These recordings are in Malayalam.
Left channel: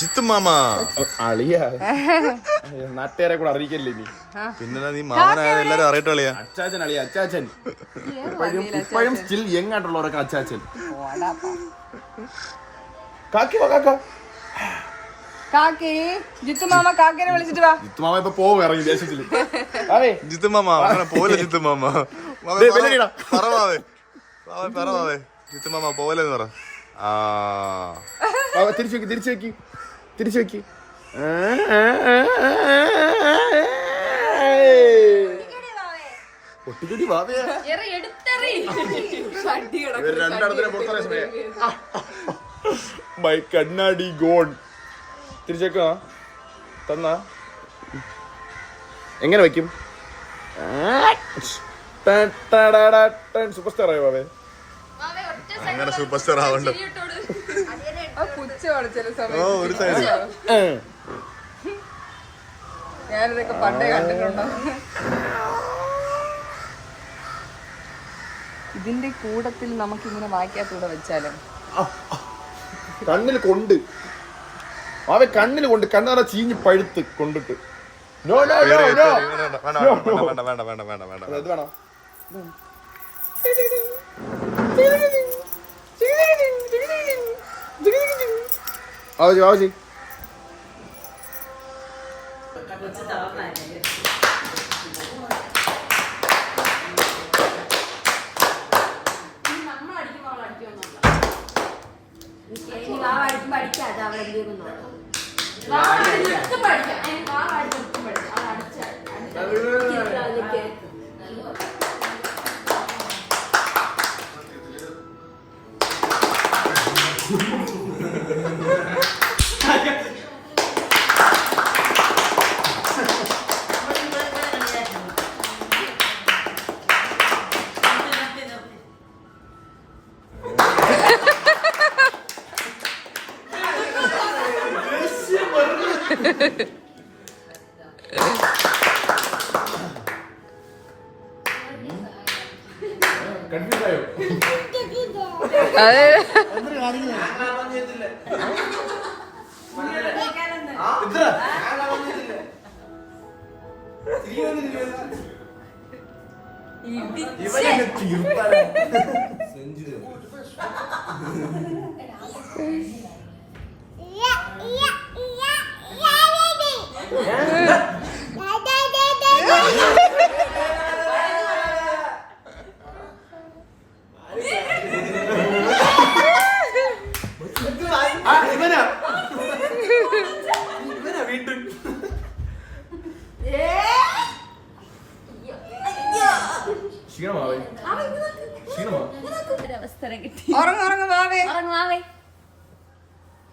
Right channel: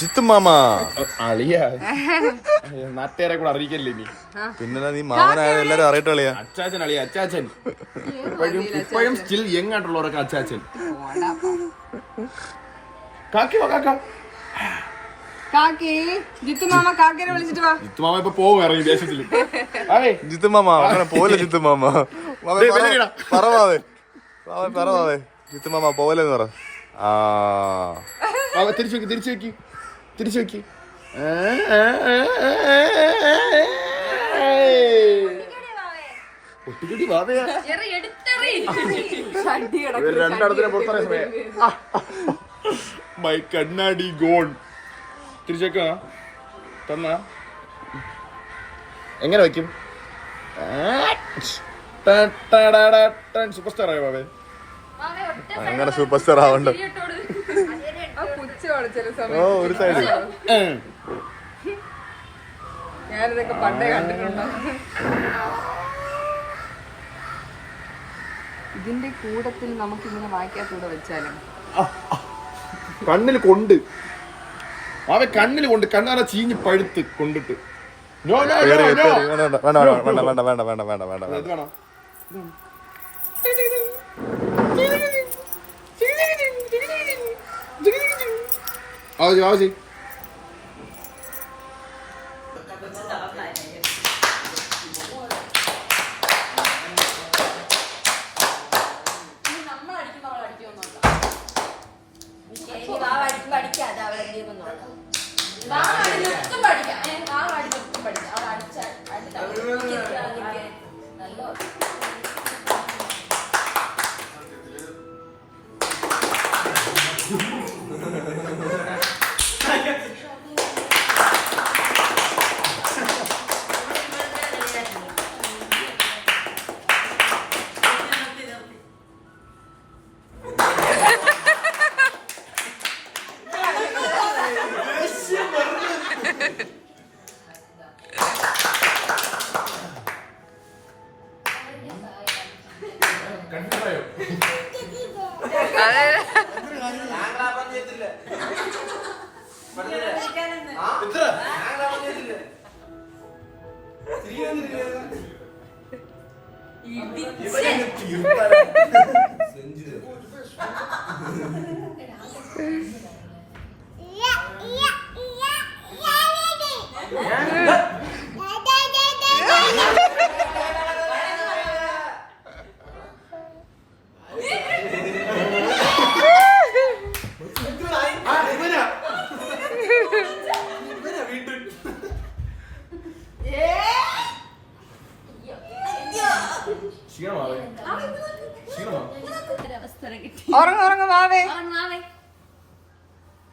ജിത്തു മാമ അളിയ നാട്ടുകാരെ കൂടെ അറിയിക്കല്ലേ നീ. പിന്നെ നീ മാമനായ എല്ലാരും അറിയട്ടെ അളിയാ. അച്ചാച്ചൻ അളിയ, അച്ചാച്ചൻ ഇപ്പോഴും സ്റ്റിൽ യങ് ആയിട്ടുള്ളവരൊക്കെ അച്ചാച്ചൻ. കാക്കി വാ കാക്ക. ജിത്തു മാമ കാക്കേനെ വിളിച്ചിട്ട് വാ. ജിത്തു മാമ ഇപ്പൊ പോവും ഇറങ്ങി ദേശത്തില്. അതെ ജിത്തു മാമ അങ്ങനെ പോലെ ജിത്തു മാമ പറവാവേ പറവാവേ ജിത്തു മാമ പോവല്ലെന്ന് പറ. തിരിച്ചു വെക്കി. ഒട്ടുകൂടി വാവേ മൈ കണ്ണാടി ഗോൺ. തിരിച്ചേക്കാ തന്നാ എങ്ങനെ വയ്ക്കും? സൂപ്പർ സ്റ്റാർ ആയോ ബാബേ? അങ്ങനെ സൂപ്പർ സ്റ്റാർ ആവണ്ട. ഓ ഒരു സൈഡ് ഞാനിതൊക്കെ പണ്ടേ കണ്ടിട്ടുണ്ടോ? ഇതിന്റെ കൂടത്തിൽ നമുക്കിങ്ങനെ വായിക്കാത്തൂടെ വെച്ചാലോ? കണ്ണിൽ കൊണ്ട് അവ കണ്ണിൽ കൊണ്ട് കണ്ണാറ ചീഞ്ഞ് പഴുത്ത് കൊണ്ടിട്ട്. വേണ്ട ഇത് വേണോ? ആവജി പഠിക്കാതെ അവിടെ എന്തെങ്കിലും നോക്കാം.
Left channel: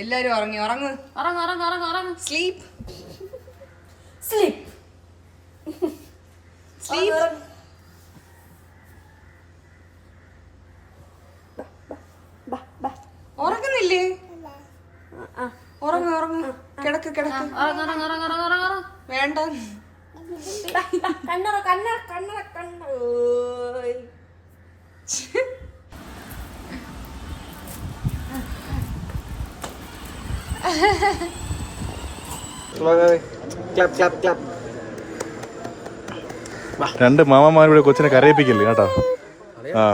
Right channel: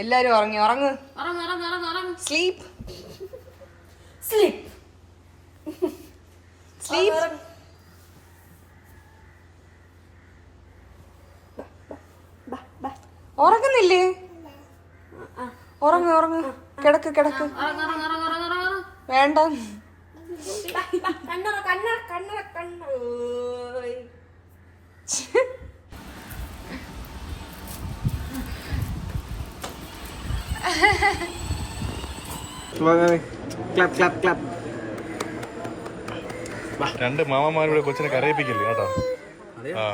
എല്ലാരും ഉറങ്ങി. ഉറങ്ങ്. Sleep sleep sleep. ഉറങ്ങുന്നില്ലേ? ഉറങ്ങ്. കിടക്ക്. വേണ്ട. രണ്ട് മാമന്മാരുടെ കൊച്ചിനെ കരയിപ്പിക്കില്ലേ കേട്ടോ. ആ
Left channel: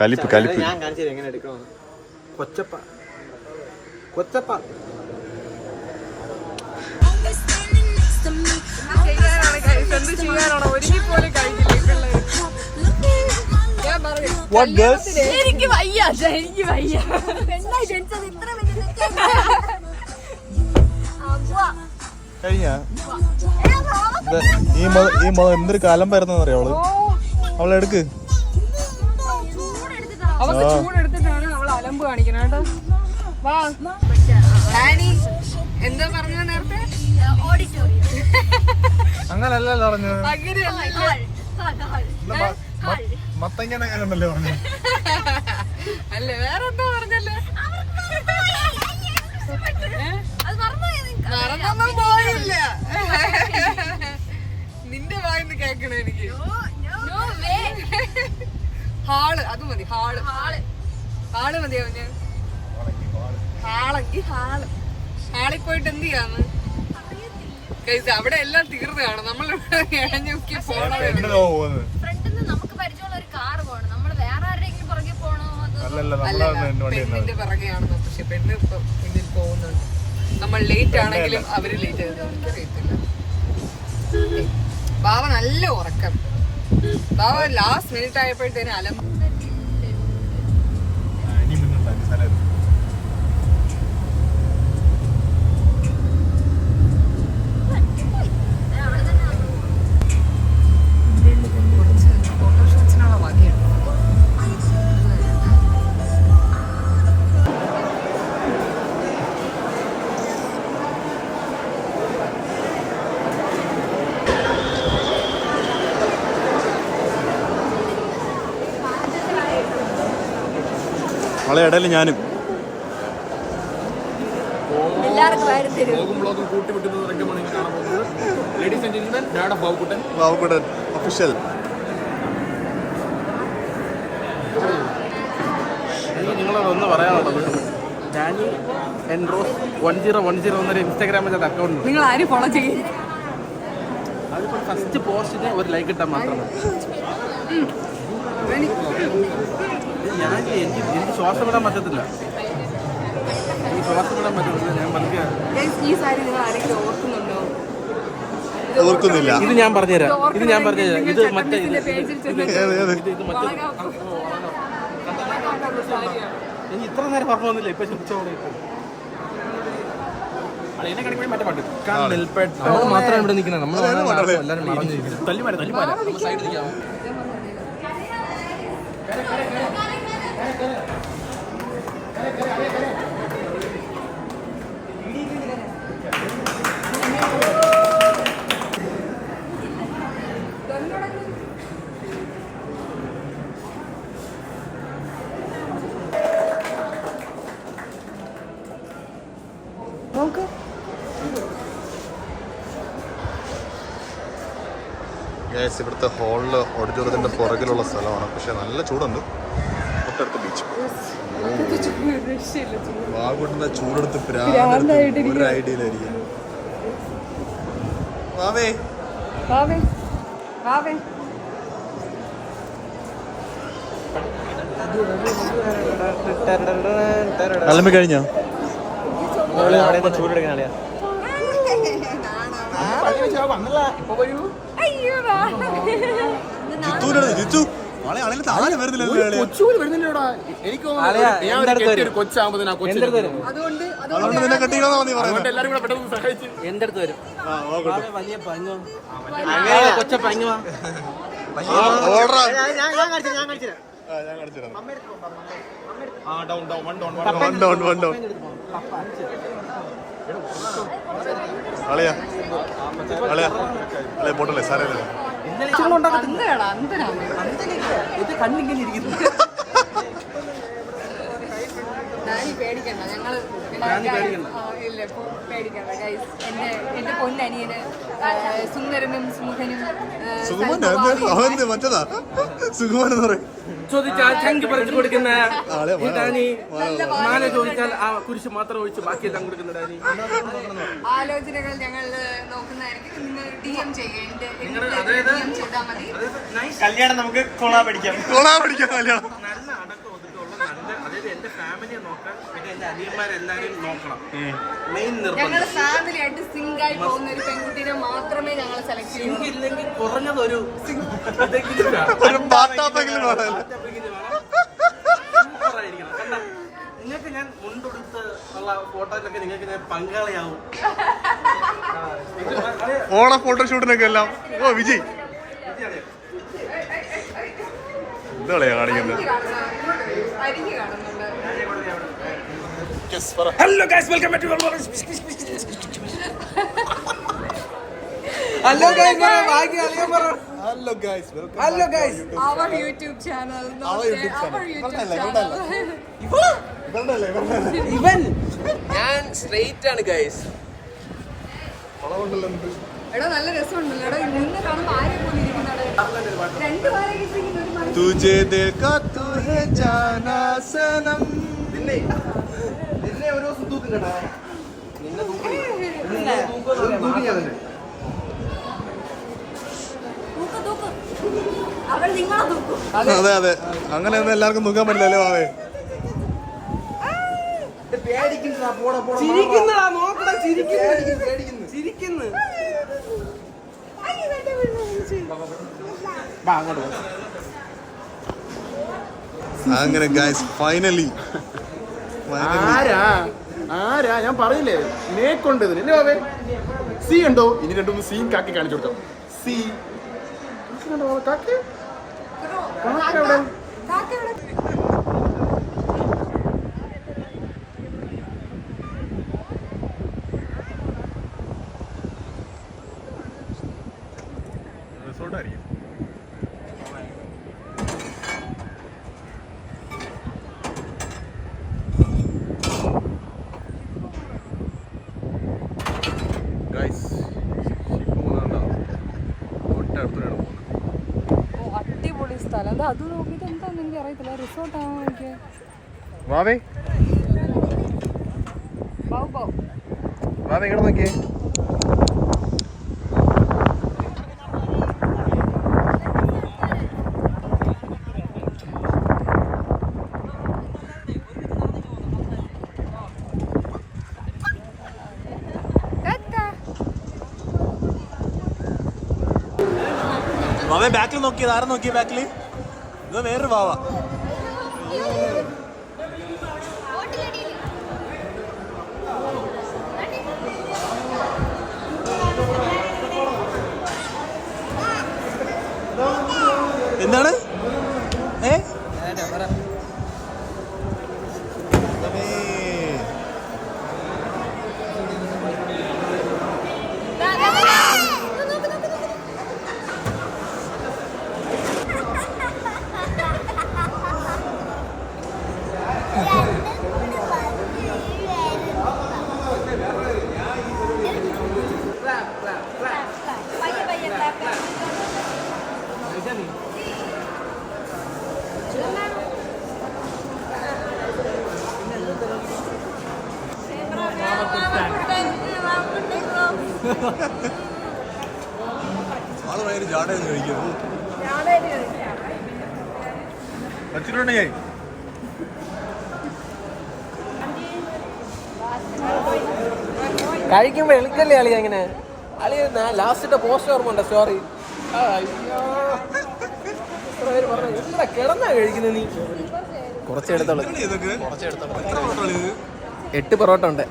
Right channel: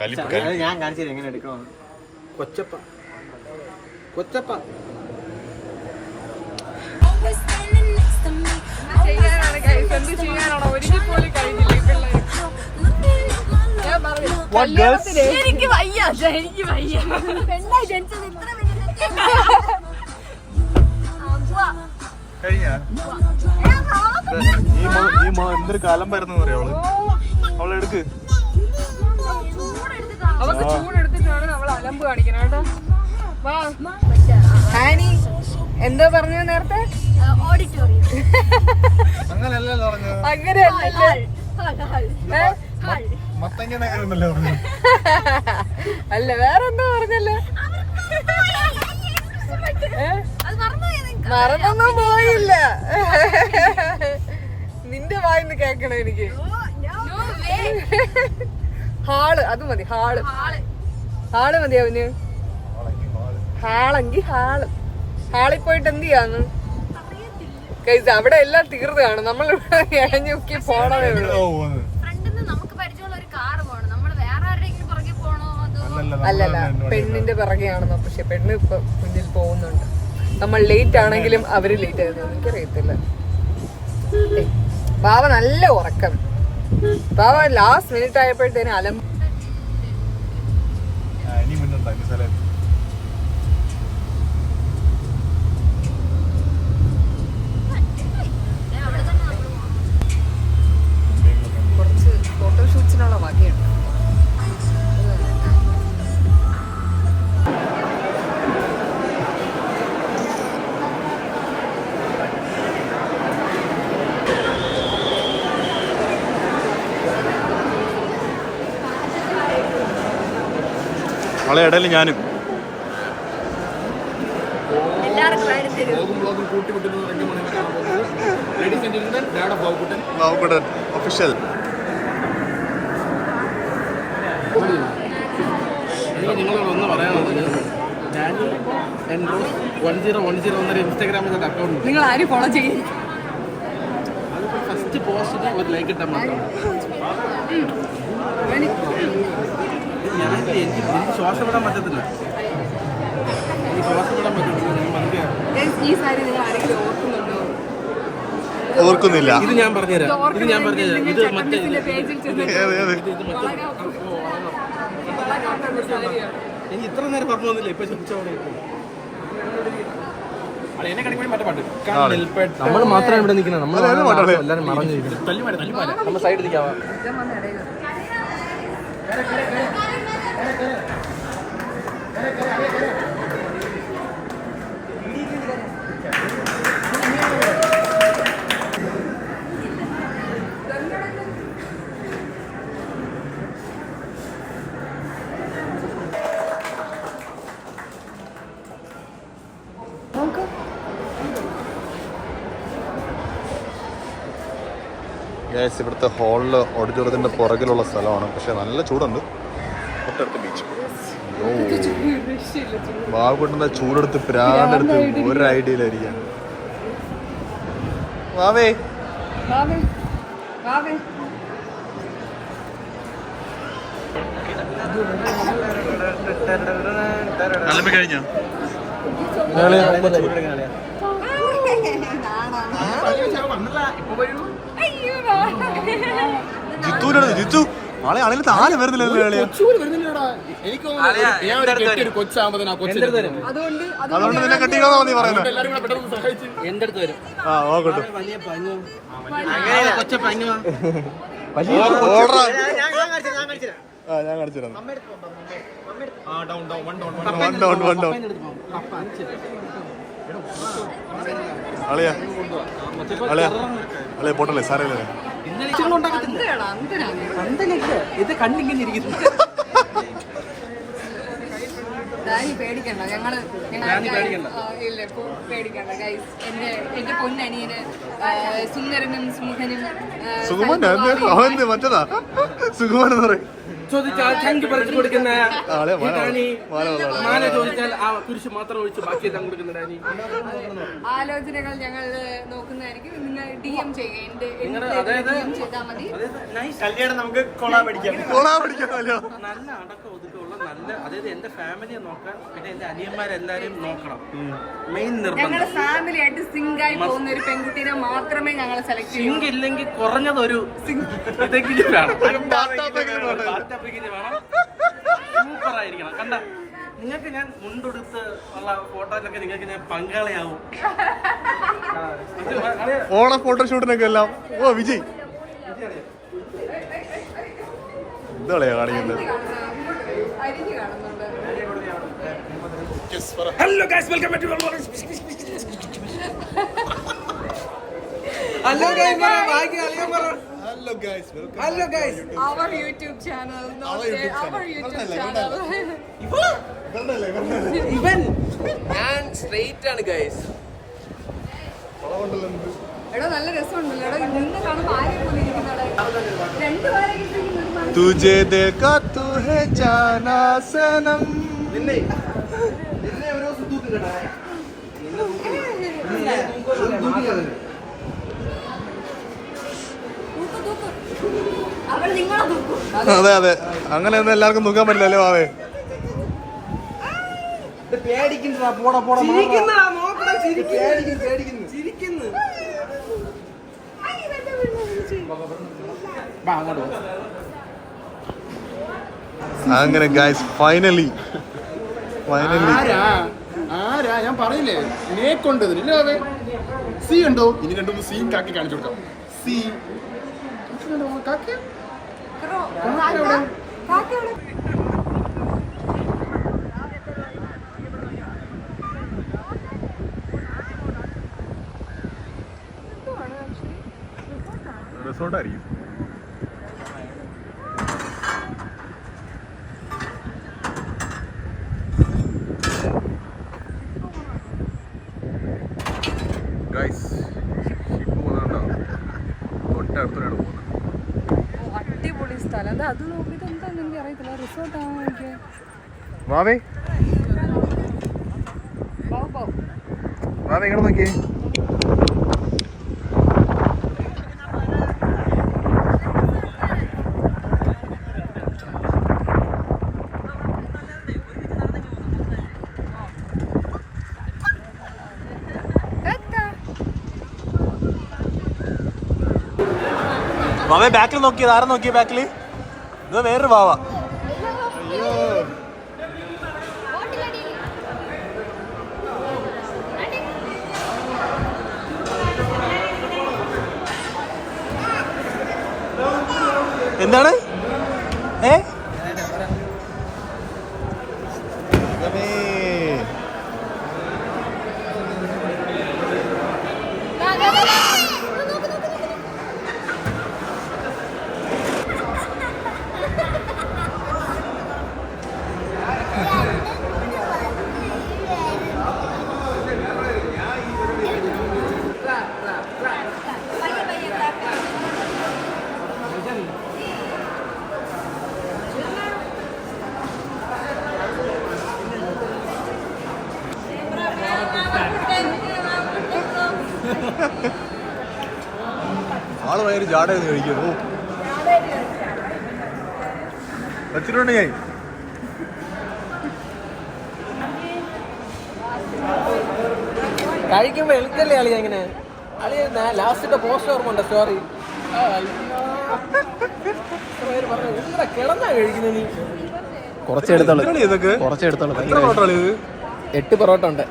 കലിപ്പ് കൊച്ചപ്പ ചെയ്യാനാണോ? ഒരുങ്ങി പോലും കഴിഞ്ഞില്ല പിള്ളേര്. എനിക്ക് വയ്യ. കഴിഞ്ഞ എന്തൊരു കാലം വരുന്ന അറിയാവള്. അവളെടുക്ക്. അവക്ക് ചൂടെടുത്തിട്ടാണ് നമ്മൾ അലമ്പ് കാണിക്കണം കേട്ടോ. വാ ആനി. എന്താ പറഞ്ഞ നേരത്തെ? ഓഡിറ്റോറിയം. അങ്ങനല്ലല്ലോ പറഞ്ഞത്. മത്തങ്ങണ്ടല്ലോ പറഞ്ഞു. അല്ല വേറെന്താ പറഞ്ഞല്ലേ? മറന്നൊന്നും പോയില്ല. നിന്റെ വായിന്ന് കേക്കണം എനിക്ക്. ഹാള് അത് മതി. ഹാള് മതി അവന്. ഹാളെങ്കി ഹാള്. ഹാളിൽ പോയിട്ട് എന്ത് ചെയ്യാന്ന് ഗൈസ്? അവിടെ എല്ലാം തീർന്നതാണ്. നമ്മൾ ഇഴഞ്ഞുക്കി പോണതേ ഉള്ളൂ. ഫ്രണ്ടിന്ന് നമുക്ക് പരിചയമുള്ള ഒരു കാർ പോകണം. നമ്മൾ വേറെ ആരുടെയെങ്കിലും പുറകെ പോണോ? അത് അല്ലല്ല, പെണ്ണിന്റെ പിറകെയാണെന്നോ. പക്ഷെ പെണ്ണ് ഇപ്പൊ മുന്നിൽ പോകുന്നുണ്ട്. നമ്മൾ ലേറ്റ് ആണെങ്കിലും അവര് ലേറ്റ് ആയിരുന്നു. എനിക്കറിയത്തില്ല. ബാവ നല്ല ഉറക്കം. ബാവ ലാസ്റ്റ് മിനിറ്റ് ആയപ്പോഴത്തേനും അലം. കുറച്ച് ഫോട്ടോഷൂട്ട്സിനുള്ള വകയുണ്ട്. അവളെ ഇടയിൽ ഞാനും ബാബുക്കുട്ടൻ ഒഫീഷ്യൽ. എനിക്ക് നിങ്ങളോട് ഒന്ന് പറയാനുള്ളത്, ഡാനി എൻറോസ് 1010 എന്നൊരു ഇൻസ്റ്റാഗ്രാമിൽ അക്കൗണ്ട്. നിങ്ങൾ ആരും ഫോളോ ചെയ്യും? അതിപ്പോൾ ഫസ്റ്റ് പോസ്റ്റിന് ഒരു ലൈക്ക് ഇട്ടാൽ മാത്രം. എനിക്ക് ശ്വാസം വിടാൻ പറ്റത്തില്ല. ഞാൻ പതുക്കെ ഈ സാരി നിങ്ങൾ ആരെങ്കിലും ഓർക്കുന്നുണ്ടോ? ഓർക്കുന്നില്ല. ഇത് ഞാൻ പറഞ്ഞുതരാം. ഇത് മറ്റേ പേജിൽ ചെന്ന് എനിക്ക് ഇത്ര നേരം പറഞ്ഞു വന്നില്ല. ഇപ്പൊ ചോദിച്ചോളൂ. എന്നെ കണിക്കുമ്പോൾ മറ്റേ പാട്ട് നമ്മൾ മാത്രം ഇവിടെ നിൽക്കണം. നമ്മൾ എല്ലാവരും മറഞ്ഞിരിക്കണം. തല്ലിമാല നമ്മൾ സൈഡിൽ നിൽക്കാം. ഗൈസ്, ഇവിടുത്തെ ഹോളില് ഓഡിറ്റോറിയത്തിന്റെ പുറകിലുള്ള സ്ഥലമാണ്. പക്ഷെ നല്ല ചൂടുണ്ട്. തൊട്ടടുത്ത് ബീച്ച്. ബാബുക്കുട്ടന്റെ ചൂടെടുത്ത് പ്രാന്തെടുത്ത് ഒരു ഐഡിയയിലായിരിക്കാം. വാവേ അലമ്പി കഴിഞ്ഞോ? ജിത്തു ആളെ ആളെ താഴെ വരുന്നില്ലല്ലോ. അതുകൊണ്ട് നിന്നെ കെട്ടിക്കാന്നാ നീ പറയുന്നത്. എന്റെ അടുത്ത് വരും. ഞാൻ കാണിച്ചു അളിയാ അളിയ പോട്ടല്ലേ സാരല്ലേ. ഇത് കണ്ണിങ്ങനെ ഇരിക്കുന്നു. പേടിക്കണ്ട, ഞങ്ങള് ഇല്ല പേടിക്കണ്ട ഗൈസ്. എന്റെ പൊന്നനിയന് സുന്ദരനും സുമുഖനും മറ്റതാ സുഖമാൻ എന്ന് പറയും. ചോദിച്ചാൽ ചങ്കി പറിച്ചു കൊടുക്കുന്ന മാല ചോദിച്ചാൽ ആ കുരിശ് മാത്രം ഒഴിച്ച് ബാക്കിയെല്ലാം കൊടുക്കുന്ന ഡാനി. ആലോചനകൾ ഞങ്ങൾ നോക്കുന്നതായിരിക്കും. നിങ്ങൾ DM ചെയ്യുക. കല്യാണം നമുക്ക് കോളാ പിടിക്കാം കല്യാണം. നല്ല അടക്കം ഒതുക്കമുള്ള നല്ല, അതായത് എന്റെ ഫാമിലിയെ നോക്കാൻ, പിന്നെ എന്റെ അനിയന്മാരെല്ലാരും നോക്കണം. മെയിൻ നിർബന്ധം. ഞങ്ങളുടെ ഫാമിലി ആയിട്ട് സിങ്ക് ആയി പോകുന്ന ഒരു പെൺകുട്ടിയെ മാത്രമേ ഞങ്ങൾ സെലക്ട് ചെയ്യൂ. സിങ്ക് ഇല്ലെങ്കിൽ കുറഞ്ഞതൊരു ഇതെങ്കിലും വേണം. സൂപ്പറായിരിക്കണം. കണ്ട, നിങ്ങൾക്ക് ഞാൻ മുണ്ടെടുത്ത് ഉള്ള ഫോട്ടോയിലൊക്കെ നിങ്ങൾക്ക് ഞാൻ പങ്കാളിയാവും. ഓണ ഫോട്ടോഷൂട്ടിനൊക്കെ എല്ലാം. ഓ വിജയ് എന്താ കാണിക്കുന്നത്? Hello guys, welcome back to hello guys ബാക്കി അളിയൻ പറ. Hello guys our YouTube channel. ഇവൻ ഞാൻ സ്ട്രെയിറ്റ് ആണ് ഗൈസ്. എടാ നല്ല രസമുണ്ടല്ലോ. എടാ ഇന്ന് കാണുമ്പോ ആരും പോലെ ഇരിക്കുന്നവിടെ രണ്ടുപേരെ കിട്ടിയിരിക്കുന്നു. തുജേ ദേഖാ തു ഹേ ജാനാ സനം. എന്നെ ഒരു ദിവസം തൂക്കും കേട്ടാ. നിന്നെ അതെ അതെ, അങ്ങനെയൊന്നും എല്ലാവർക്കും നോക്കാൻ പറ്റില്ലല്ലേ വാവേ. അങ്ങനെ ഗൈസ് ഫൈനലി ആരാ ഞാൻ പറയില്ലേ നേക്കൊണ്ട് ഇതില്ലേ അവേ സി ഉണ്ടോ ഇനി രണ്ടും സി കാക്കി കാണിച്ചു കൊടുത്തോ. സി കാക്കി എവിടെ റിസോർട്ടായിരിക്കും. അടിപൊളി സ്ഥലം. അത് അത് നോക്കിയിട്ട് എന്താന്ന് എനിക്ക് അറിയത്തില്ല. റിസോർട്ടാണോ എനിക്ക് വാവേ വാവേ ഇങ്ങോട്ട് നോക്കിയേ. വാവേ ബാക്കിൽ നോക്കിയത് ആരും നോക്കിയ ബാക്കില് ഇത് വേറൊരു വാവ. എന്താണ് ആള് ഭയങ്കര ജാടയെന്ന് കഴിക്കുന്നു വച്ചിട്ടുണ്ടെങ്കിൽ കഴിക്കുമ്പോ എളുക്കല്ലേ അളിയ ഇങ്ങനെ അളിയ ലാസ്റ്റ് പോസ്റ്റ് ഓർമ്മ ഉണ്ടോ സ്റ്റോറി പറഞ്ഞു എന്താ കിടന്നാ കഴിക്കുന്ന നീ ഇതൊക്കെ എത്ര പൊറോട്ട ഇത് 8 പൊറോട്ട ഉണ്ട്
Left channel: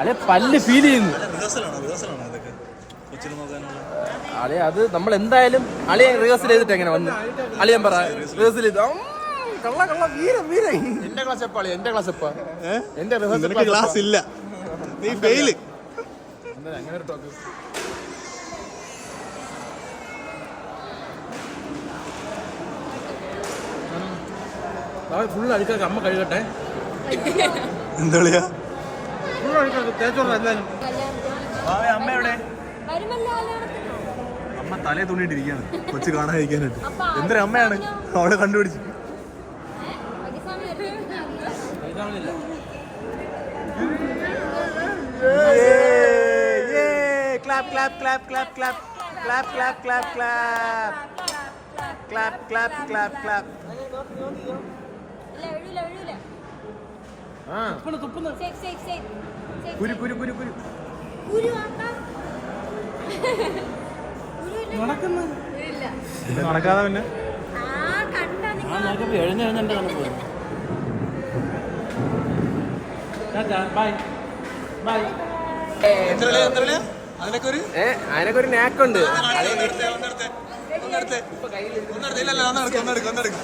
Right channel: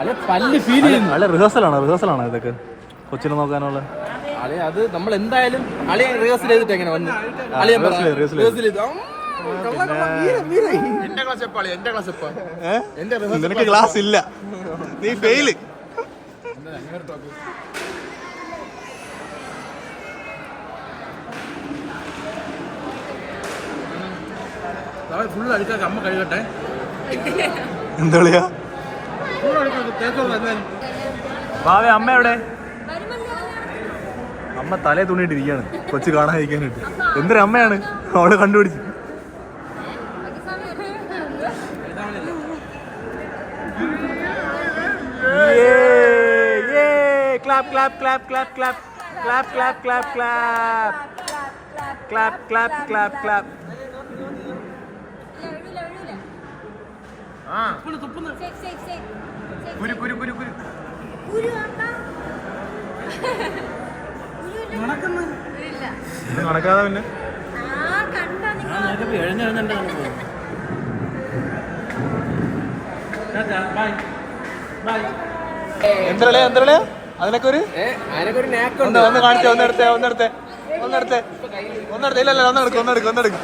അല്ലെ പല്ല് ഫീൽ ചെയ്യുന്നു. നല്ല റിഹേഴ്സലാണോ ഇതൊക്കെ കൊച്ചിനെ നോക്കാനുള്ള അളിയ അത് നമ്മൾ എന്തായാലും അളിയ റിഹേഴ്സൽ ചെയ്തിട്ട് എങ്ങനെ വന്ന് അളിയൻ പറ റിഹേഴ്സൽ ചെയ്ത് നിനക്ക് ക്ലാസ് ഇല്ല, നീ ഫെയില്. ഫുള്ള് അഴുക്കൊക്കെ അമ്മ കഴുകട്ടെ. എന്താ പറയാ ഭാവേ അമ്മ എവിടെ? അമ്മ തലേ തുണിയിട്ടിരിക്കുകയാണ് കൊച്ചു കാണാതിരിക്കാനായിട്ട്. എന്തൊരു അമ്മയാണ് അവളെ കണ്ടുപിടിച്ച്. Clap clap clap clap clap clap clap clap clap clap clap clap. നടക്കാതെ പിന്നെ എന്തരളയാ അതിനൊക്കെ ഒരു നാക്കുണ്ട്. ഒന്ന് കാണിച്ചേ, ഒന്നെടുത്തേ ഇല്ലല്ല ഒന്നെടുക്കും.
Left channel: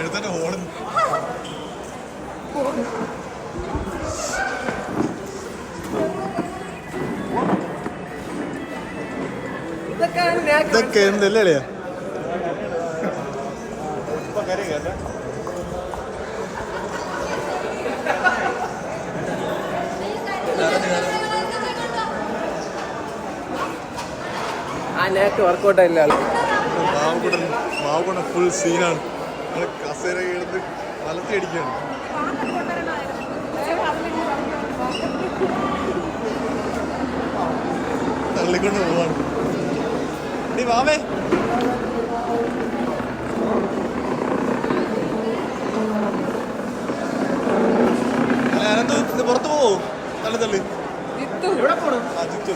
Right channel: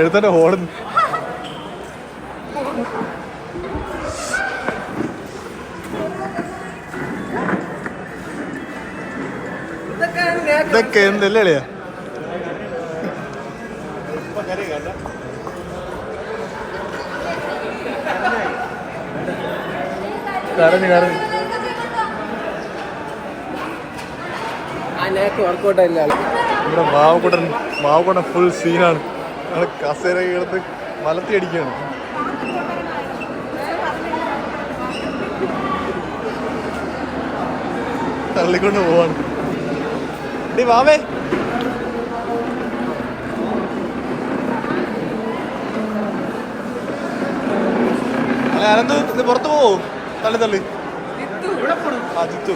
എഴുത്തന്നെ ഹോളുന്നു. ഇതൊക്കെ എന്തല്ലേ അളിയാ? വർക്കൗട്ട് ആയില്ല. ഇവിടെ മാവുകൂടൻ ഫുൾ സീനാണ്. ഞങ്ങൾ കസേര എടുത്ത് മലത്തി അടിക്കുകയാണ്. തള്ളിക്കൊണ്ട് പോവാണ്. ഡി വാവേ, അല്ല അനന്ത് ഇത് പുറത്ത് പോവോ? തള്ളി ആ ജിത്തു.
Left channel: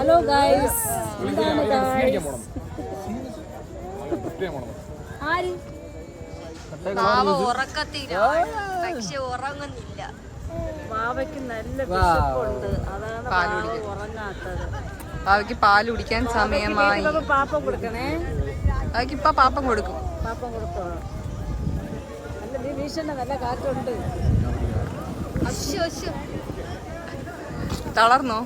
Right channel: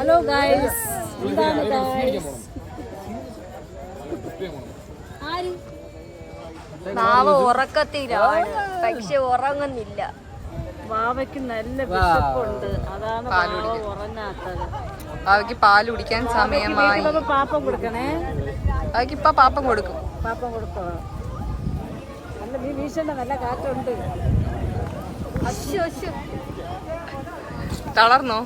ഹലോ ഗൈസ്, ഉറക്കത്തില്ല, പക്ഷെ ഉറങ്ങുന്നില്ല. വാവയ്ക്ക് നല്ല വിശപ്പുണ്ട്, അതാണ് ഉറങ്ങാത്തത്. വാവയ്ക്ക് പാല് കുടിക്കാൻ സമയമായി. പാപ്പം കൊടുക്കണേ. വാവയ്ക്ക് ഇപ്പൊ പാപ്പം കൊടുക്കും. പാപ്പം കൊടുത്തോളൂ. നല്ല നീ വീശണ്ട, നല്ല കാറ്റുണ്ട്. തളർന്നോ?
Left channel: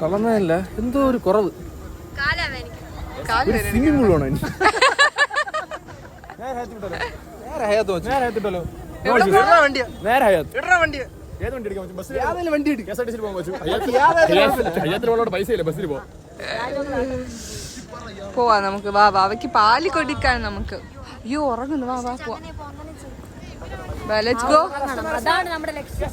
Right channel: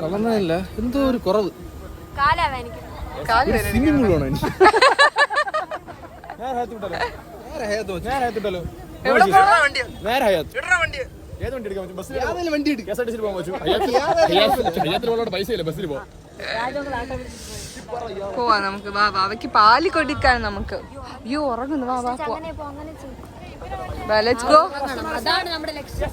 തളർന്നതല്ല, എന്തോ ഒരു കുറവ്. കാല് സ്വിമ്മിംഗ് പൂൾ വേണോ? എവിടെ പോണോ? പോവാ നമുക്ക്. വാ, വാവയ്ക്ക് പാല് കൊടുക്കാൻ നമുക്ക്. അയ്യോ ഉറങ്ങുന്നു. വാ വാ പോവാ. Let's go. അതാണ് നമ്മുടെ ലക്ഷ്യം.